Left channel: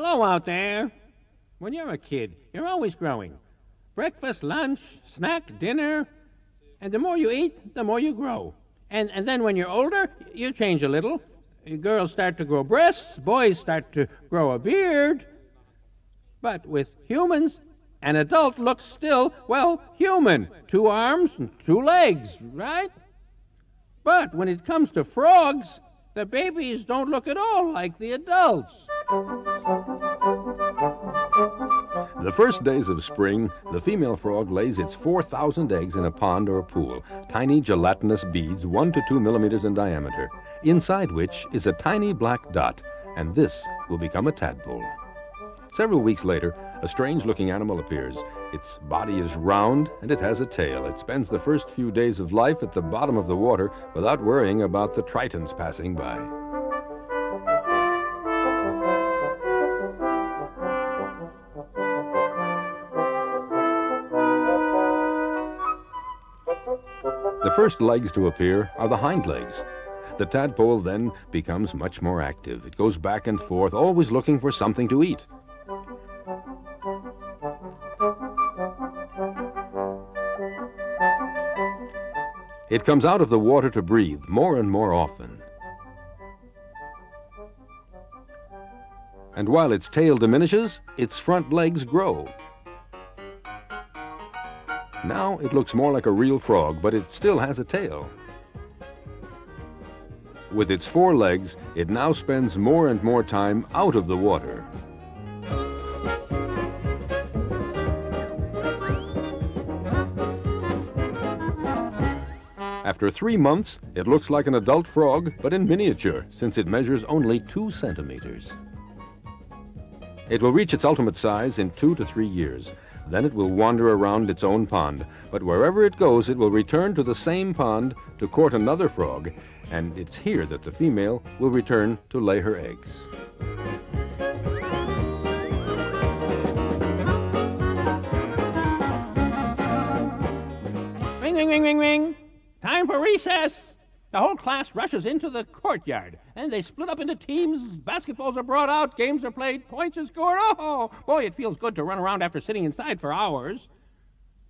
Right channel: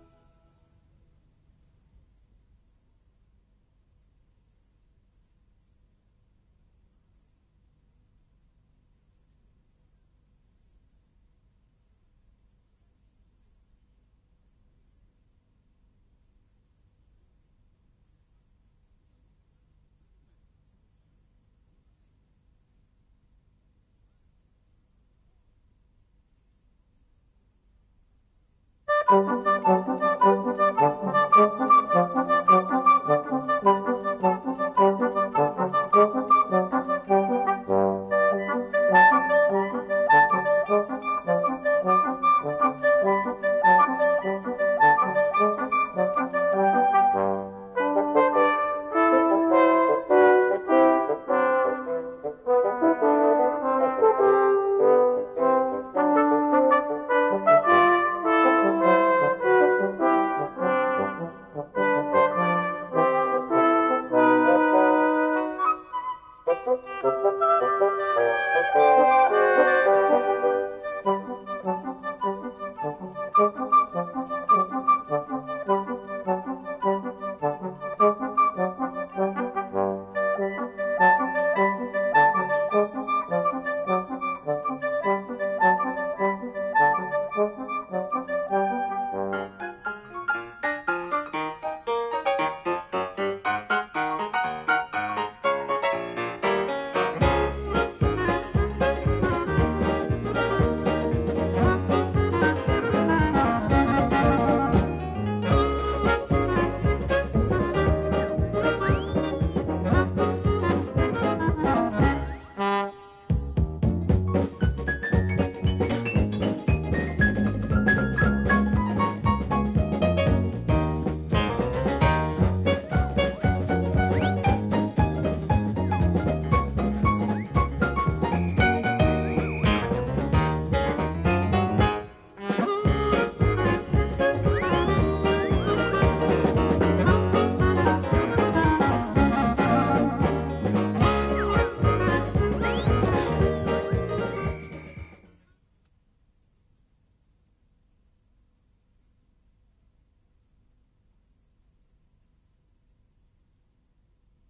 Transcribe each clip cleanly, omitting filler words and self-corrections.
Hello out there. When you're a kid, you're always growing. Breakfast, lunch, snack, dinner. And the more you eat, the more you grow. And then when you're older, you change a little. Girls start to grow breasts, boys start to grow a beard. But with humans, an adult looks still, well, human. 2 arms and 2 legs, right? But when it comes to frogs, the babies don't look at all like the adults. The first days of spring, the female frog lays its 4,000 eggs in a pond or pool, tiny gelatinous beads 1 to 2 millimeters in diameter, inside which is a tiny black dot, and this will become a tadpole. Several weeks later, a strange-looking animal appears. Its body is round, and it has a tail. It spends the first few days of life at the bottom of the water without worrying about the tritons passing by. The first legs to appear are the hind legs. The tadpole then becomes much more active. It goes back and forth, always looking for something to eat. It comes out of the water to breathe more and more often. And while its tail diminishes, its front legs grow. Now it looks more like a real frog, but it still has a tail. With its 4 legs, it now spends more and more time out of the water. After 3 months, it looks like an adult frog, but in miniature, since it measures only 2 centimeters. It will reach its ultimate size in 2 to 3 years. Then it will wander around its own pond. But wherever it goes, it will return to the same pond to court another frog. It's here that the female will return to lay her eggs. Ring, ring, ring, ring, ring. Time for recess. The whole class rushes into the courtyard, and they split up into teams. Basketballs are brought out, games are played, points are scored. Oh, boy, it feels good to run around after sitting inside for hours.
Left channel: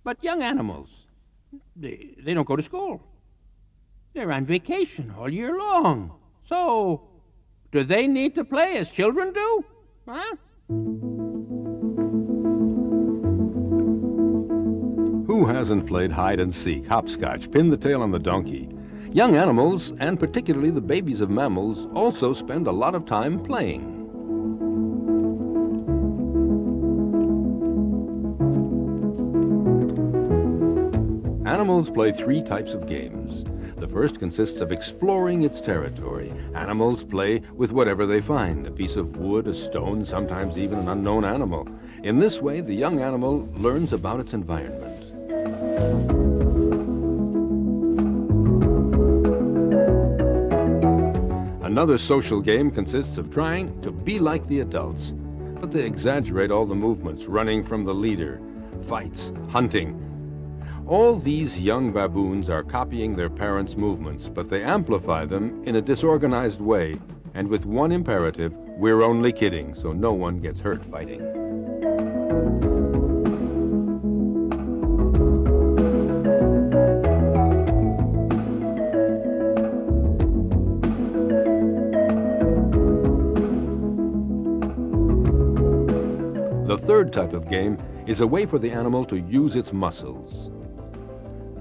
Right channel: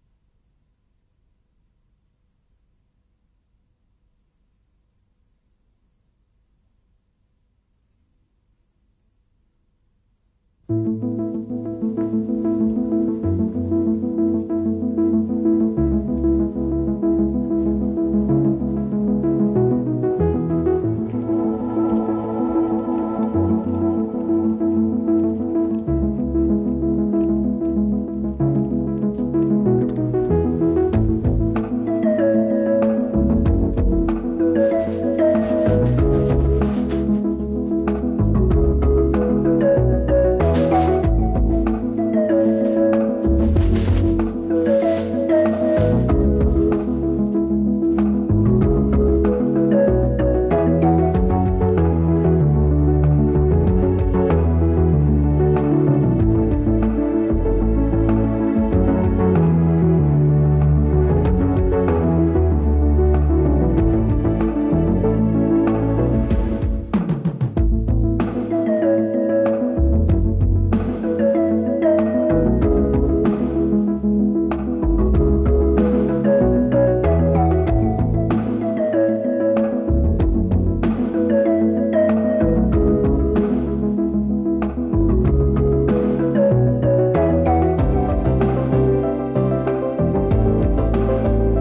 But young animals, they don't go to school. They're on vacation all year long. So, do they need to play as children do? Huh? Who hasn't played hide and seek, hopscotch, pin the tail on the donkey? Young animals, and particularly the babies of mammals, also spend a lot of time playing. Animals play 3 types of games. The first consists of exploring its territory. Animals play with whatever they find, a piece of wood, a stone, sometimes even an unknown animal. In this way, the young animal learns about its environment. Another social game consists of trying to be like the adults, but they exaggerate all the movements, running from the leader, fights, hunting. All these young baboons are copying their parents' movements, but they amplify them in a disorganized way, and with one imperative: we're only kidding, so no one gets hurt fighting. The third type of game is a way for the animal to use its muscles.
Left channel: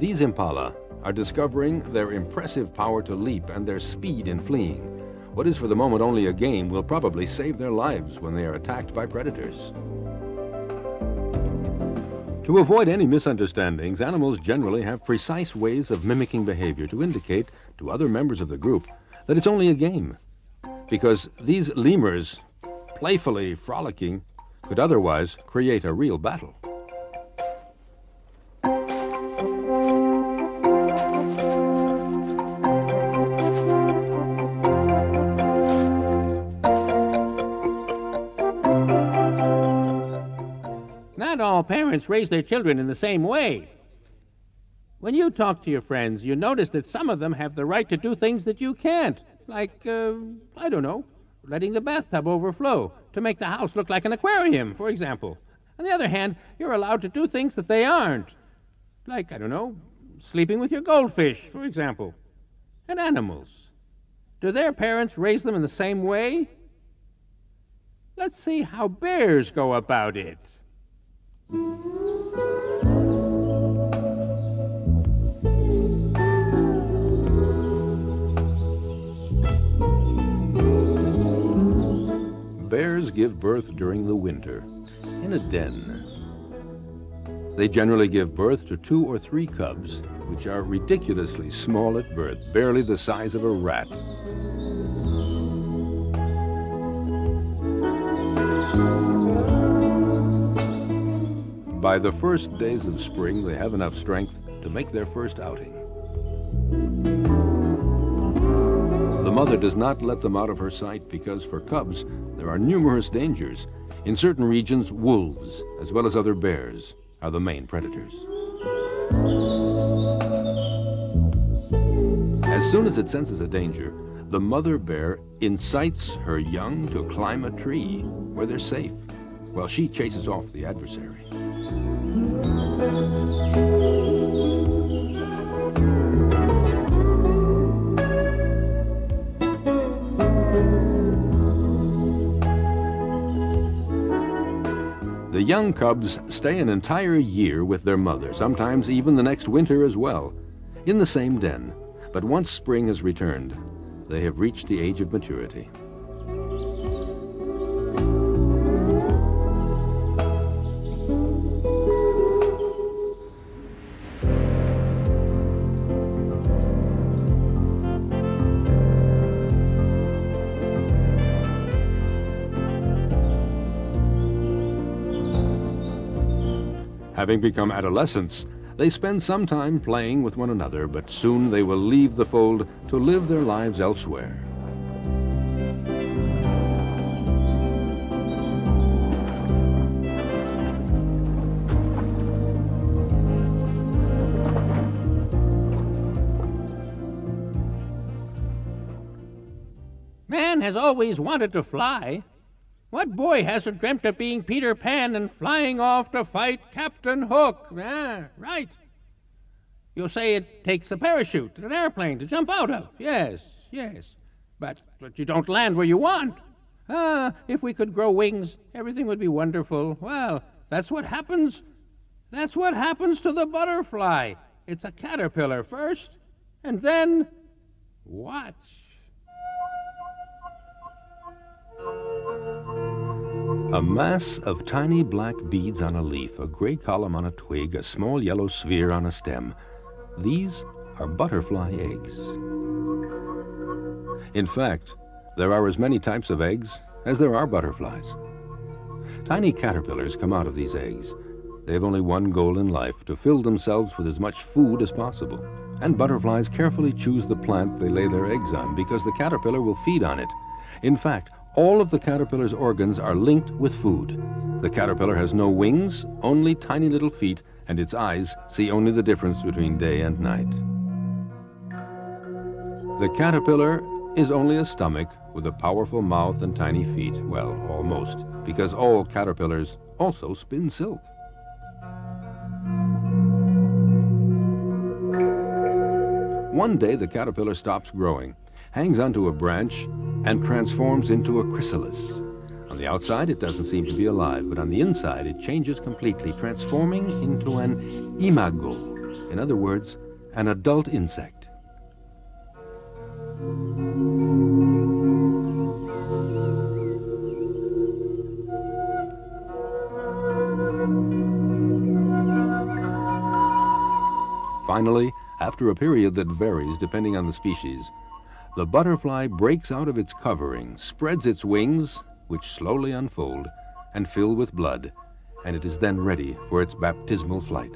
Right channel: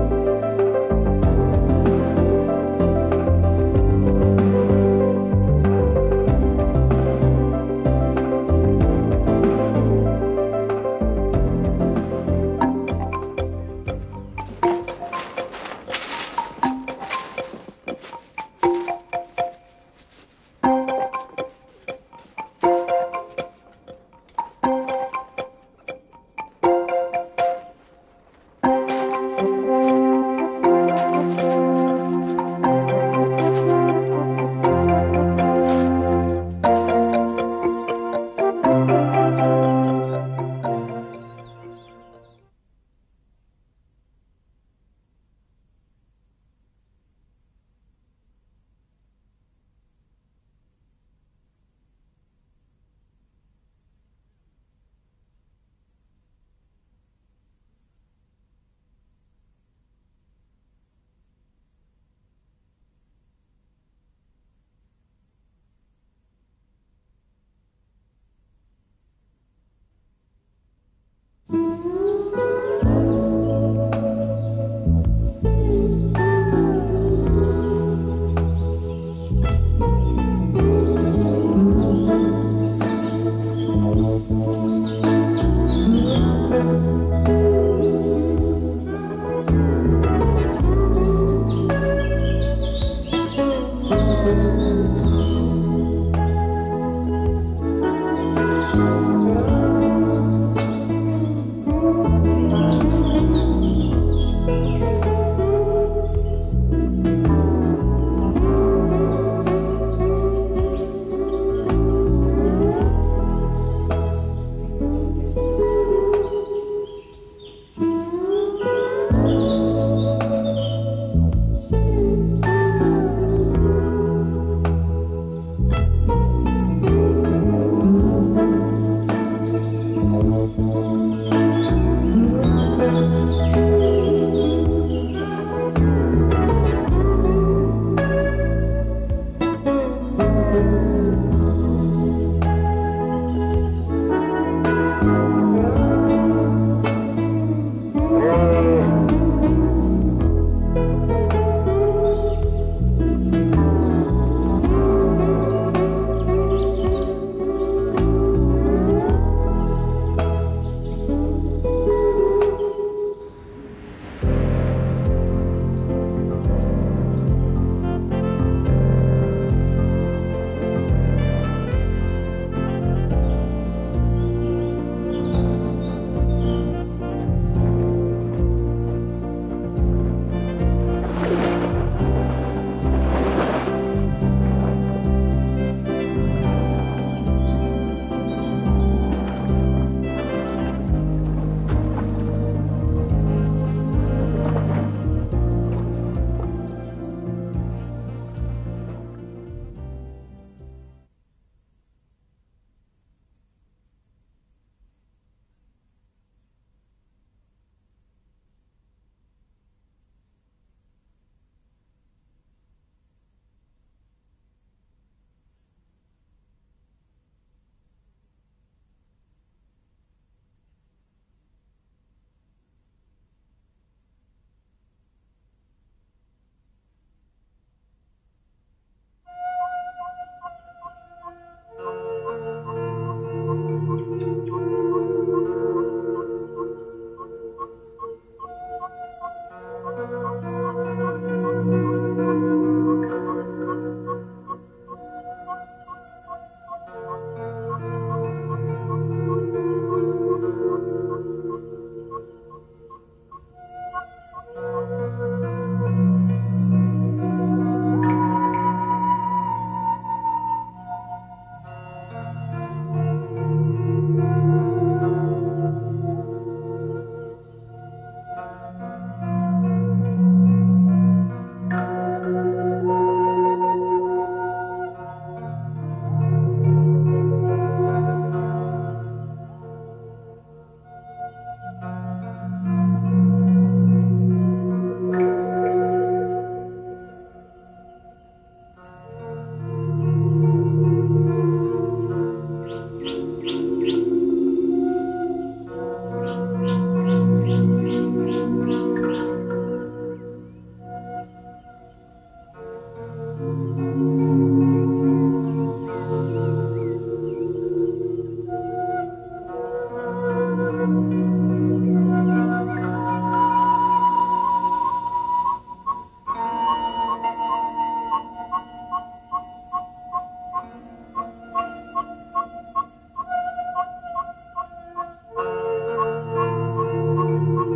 These impala are discovering their impressive power to leap and their speed in fleeing. What is for the moment only a game will probably save their lives when they are attacked by predators. To avoid any misunderstandings, animals generally have precise ways of mimicking behavior to indicate to other members of the group that it's only a game. Because these lemurs, playfully frolicking, could otherwise create a real battle. Not all parents raise their children in the same way. When you talk to your friends, you notice that some of them have the right to do things that you can't. Like, I don't know, letting the bathtub overflow, to make the house look like an aquarium, for example. On the other hand, you're allowed to do things that they aren't. Like, I don't know, sleeping with your goldfish, for example. And animals. Do their parents raise them in the same way? Let's see how bears go about it. Bears give birth during the winter in a den. They generally give birth to 2 or 3 cubs, which are ridiculously small at birth, barely the size of a rat. By the first days of spring, they have enough strength to make their first outing. The mother does not let them out of her sight because for cubs, there are numerous dangers. In certain regions, wolves, as well as other bears, are the main predators. As soon as it senses a danger, the mother bear incites her young to climb a tree where they're safe, while she chases off the adversary. The young cubs stay an entire year with their mother, sometimes even the next winter as well, in the same den. But once spring has returned, they have reached the age of maturity. Having become adolescents, they spend some time playing with one another, but soon they will leave the fold to live their lives elsewhere. Man has always wanted to fly. What boy hasn't dreamt of being Peter Pan and flying off to fight Captain Hook? Ah, right. You'll say it takes a parachute and an airplane to jump out of. Yes, yes. But you don't land where you want. Ah, if we could grow wings, everything would be wonderful. Well, that's what happens. That's what happens to the butterfly. It's a caterpillar first, and then watch. A mass of tiny black beads on a leaf, a gray column on a twig, a small yellow sphere on a stem. These are butterfly eggs. In fact, there are as many types of eggs as there are butterflies. Tiny caterpillars come out of these eggs. They have only one goal in life, to fill themselves with as much food as possible. And butterflies carefully choose the plant they lay their eggs on because the caterpillar will feed on it. In fact, all of the caterpillar's organs are linked with food. The caterpillar has no wings, only tiny little feet, and its eyes see only the difference between day and night. The caterpillar is only a stomach with a powerful mouth and tiny feet. Well, almost, because all caterpillars also spin silk. One day the caterpillar stops growing, hangs onto a branch, and transforms into a chrysalis. On the outside, it doesn't seem to be alive, but on the inside, it changes completely, transforming into an imago. In other words, an adult insect. Finally, after a period that varies depending on the species, the butterfly breaks out of its covering, spreads its wings, which slowly unfold and fill with blood, and it is then ready for its baptismal flight.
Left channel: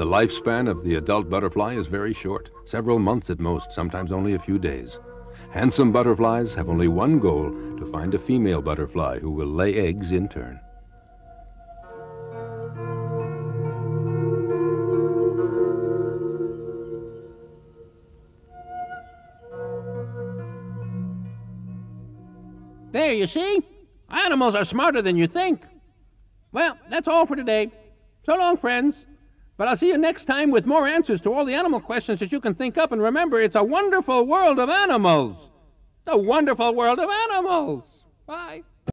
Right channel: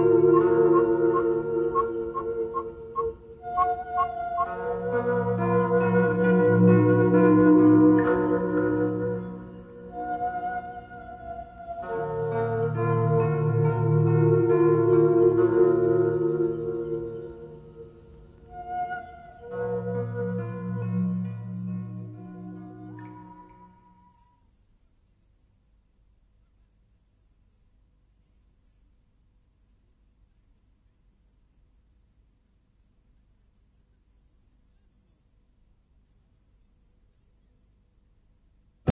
The lifespan of the adult butterfly is very short, several months at most, sometimes only a few days. Handsome butterflies have only one goal, to find a female butterfly who will lay eggs in turn. There, you see? Animals are smarter than you think. Well, that's all for today. So long, friends. But I'll see you next time with more answers to all the animal questions that you can think up. And remember, it's a wonderful world of animals. The wonderful world of animals. Bye.